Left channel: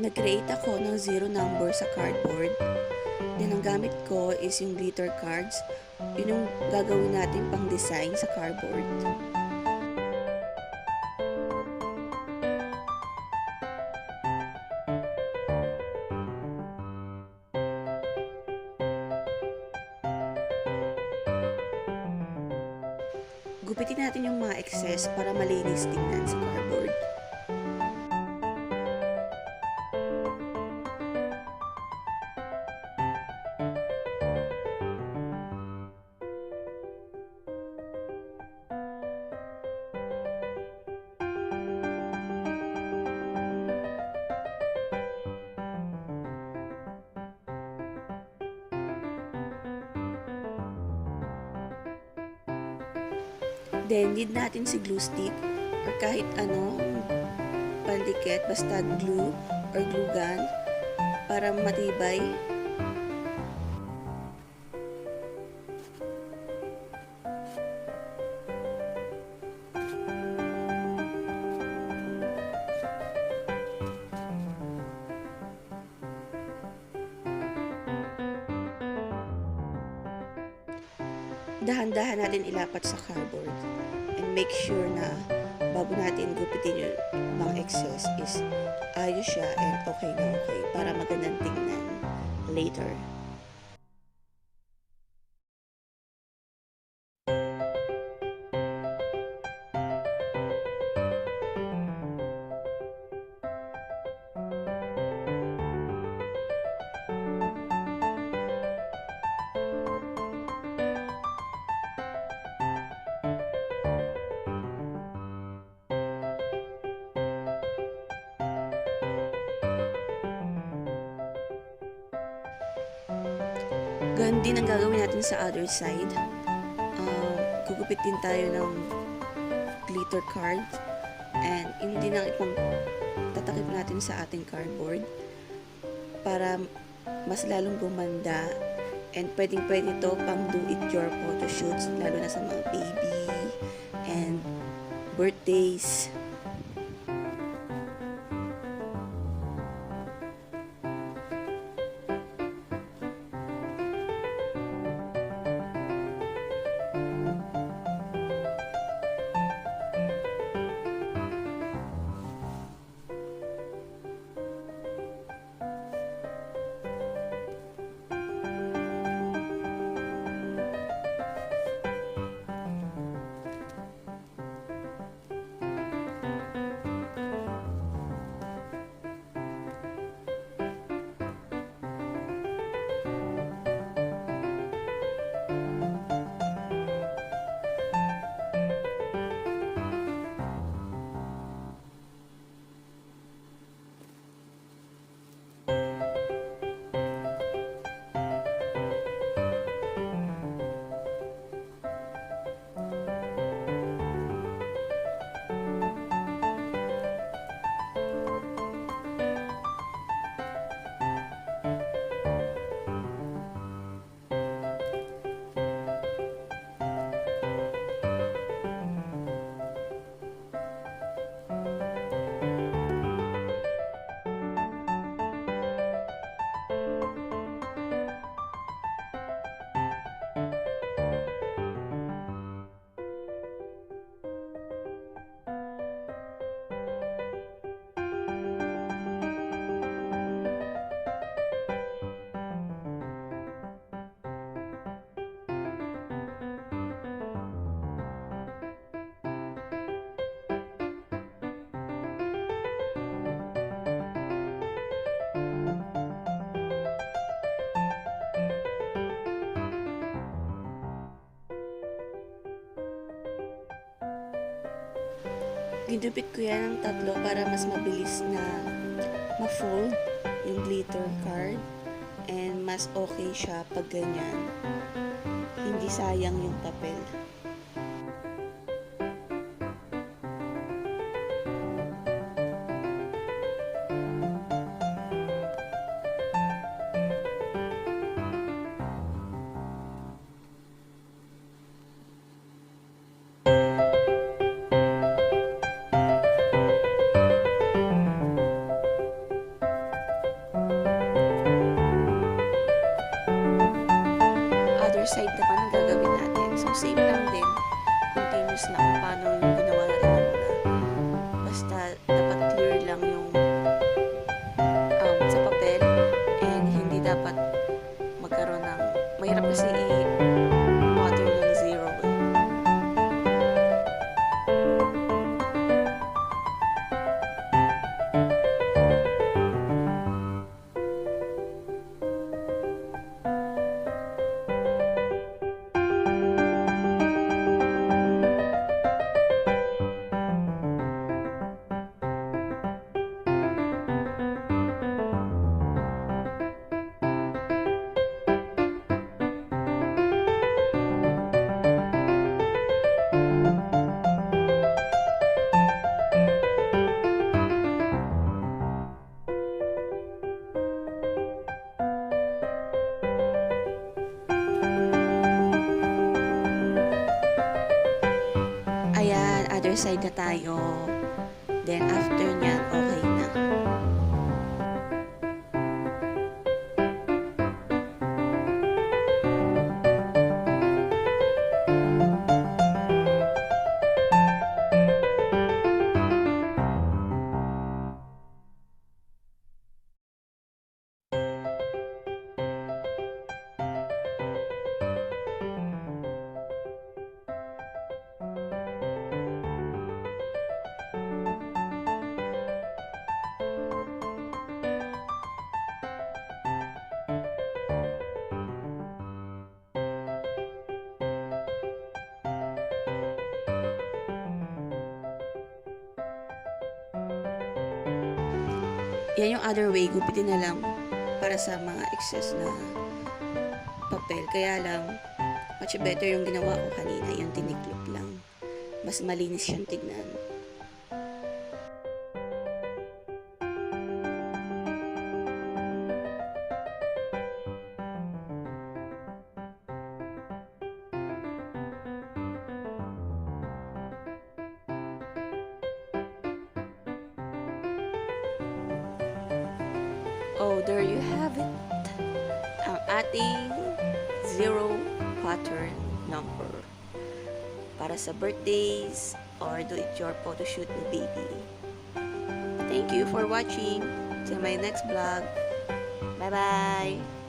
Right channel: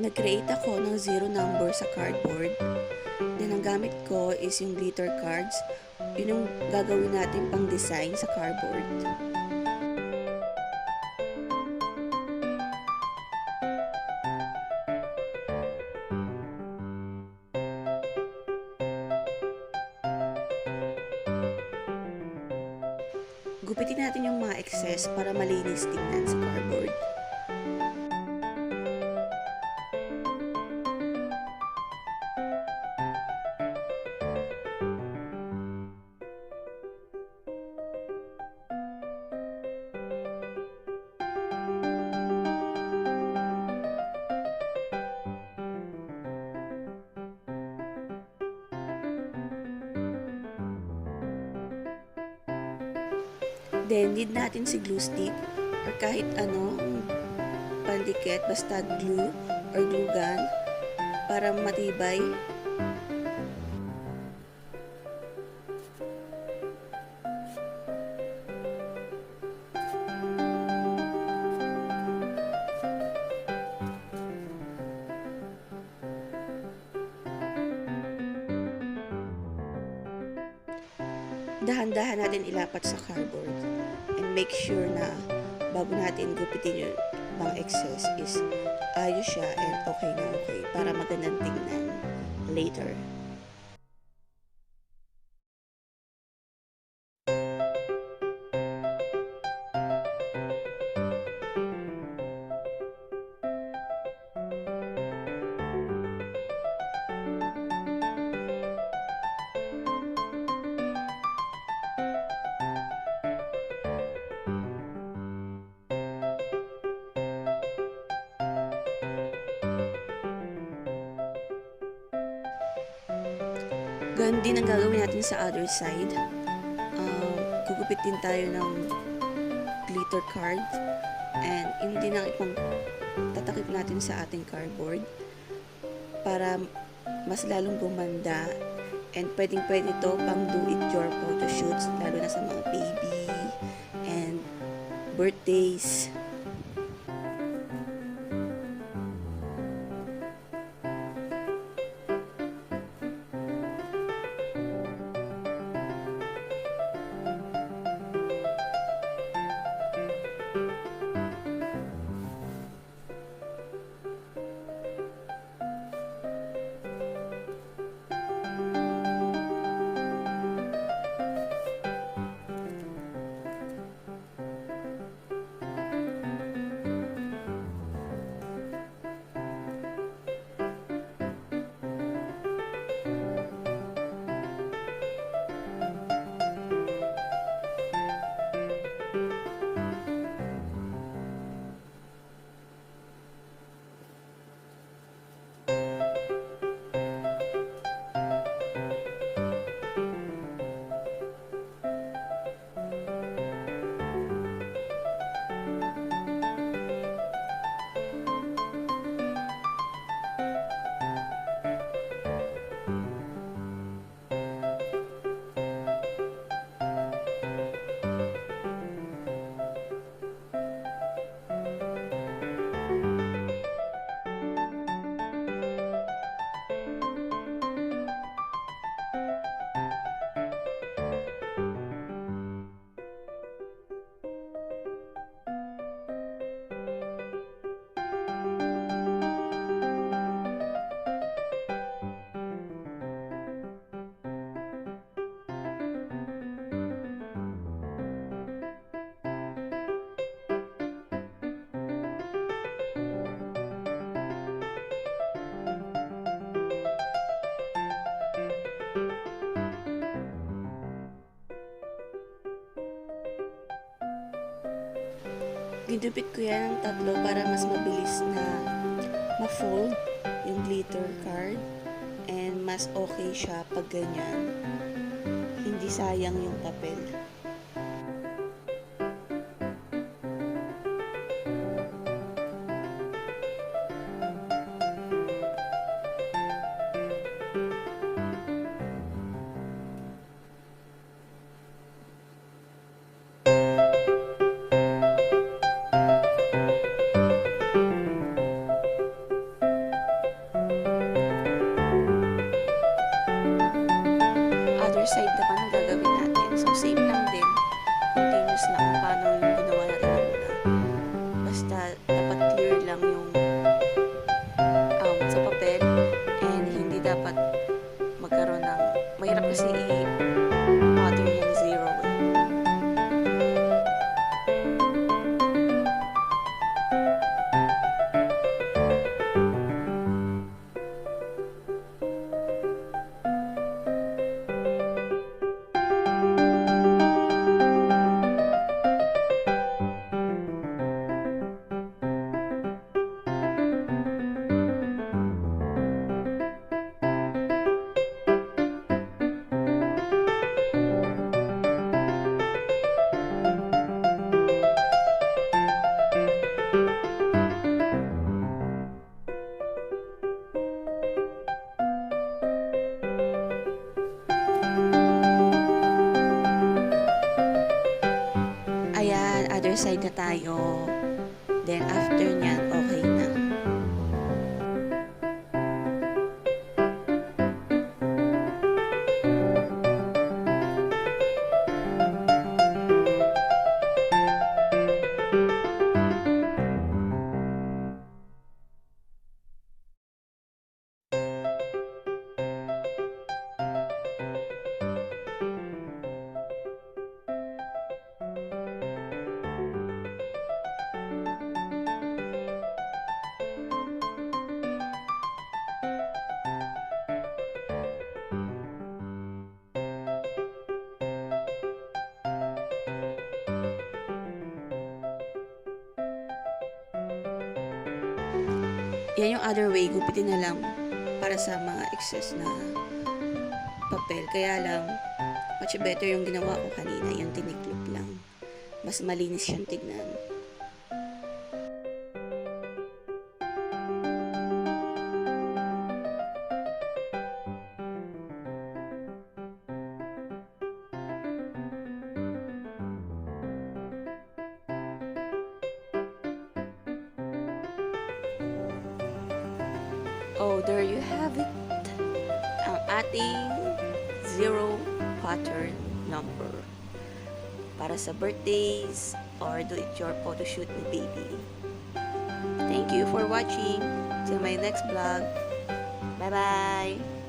Nag-create ako ng zero number sa cardboard. Then ang gamit ko is yung glitter cards. Yun yung gagawin natin pang design sa cardboard. Gupitin natin yung mga excess para malinis tingnan sa cardboard. Then, need natin si glue stick or kahit anong pandikit, basta glue or glue gun para matibay. Dahan-dahan natin ilapat sa cardboard and make sure na bago natin gupitin yung mga excess is ayos siya and okay na okay para magandang tingnan later. Ganun din ang gagawin natin sa other side. Gugupit din tayo ng glitter card and yun din ang ipang tatakip natin sa ating cardboard para mas lalong gumanda and pwedeng-pwede to pang do-it-your photoshoots lalo na sa mga baby and birthdays. Ginupit ko yan ng tatlo para mas mabilis na ma-fold yung glitter card and mas okay siya pag ganyan. Hindi sayang yung papel. other side naman ang gagawin natin. So, same lang din. Continuous lang kung paano yung ginawa natin na muna. Basta, dapat clear lang yung sa papel and hindi dapat magkaroon ng mahirap kasi i-pattern yung zero eh. Ayan, other side na tayo. Then, after nyan, okay na. Yan yung other way, gupitin na lang para sa mga excess na papel. Kaya lang, much better yung ginawa ko kanina, yung tiniklop lang. Mas malinis siyang tignan. Oh, there you have it. Ang ating zero pattern number para sa birthdays or do it your photo shoot ni baby. Thank you for watching. Till my next vlog. Bye bye.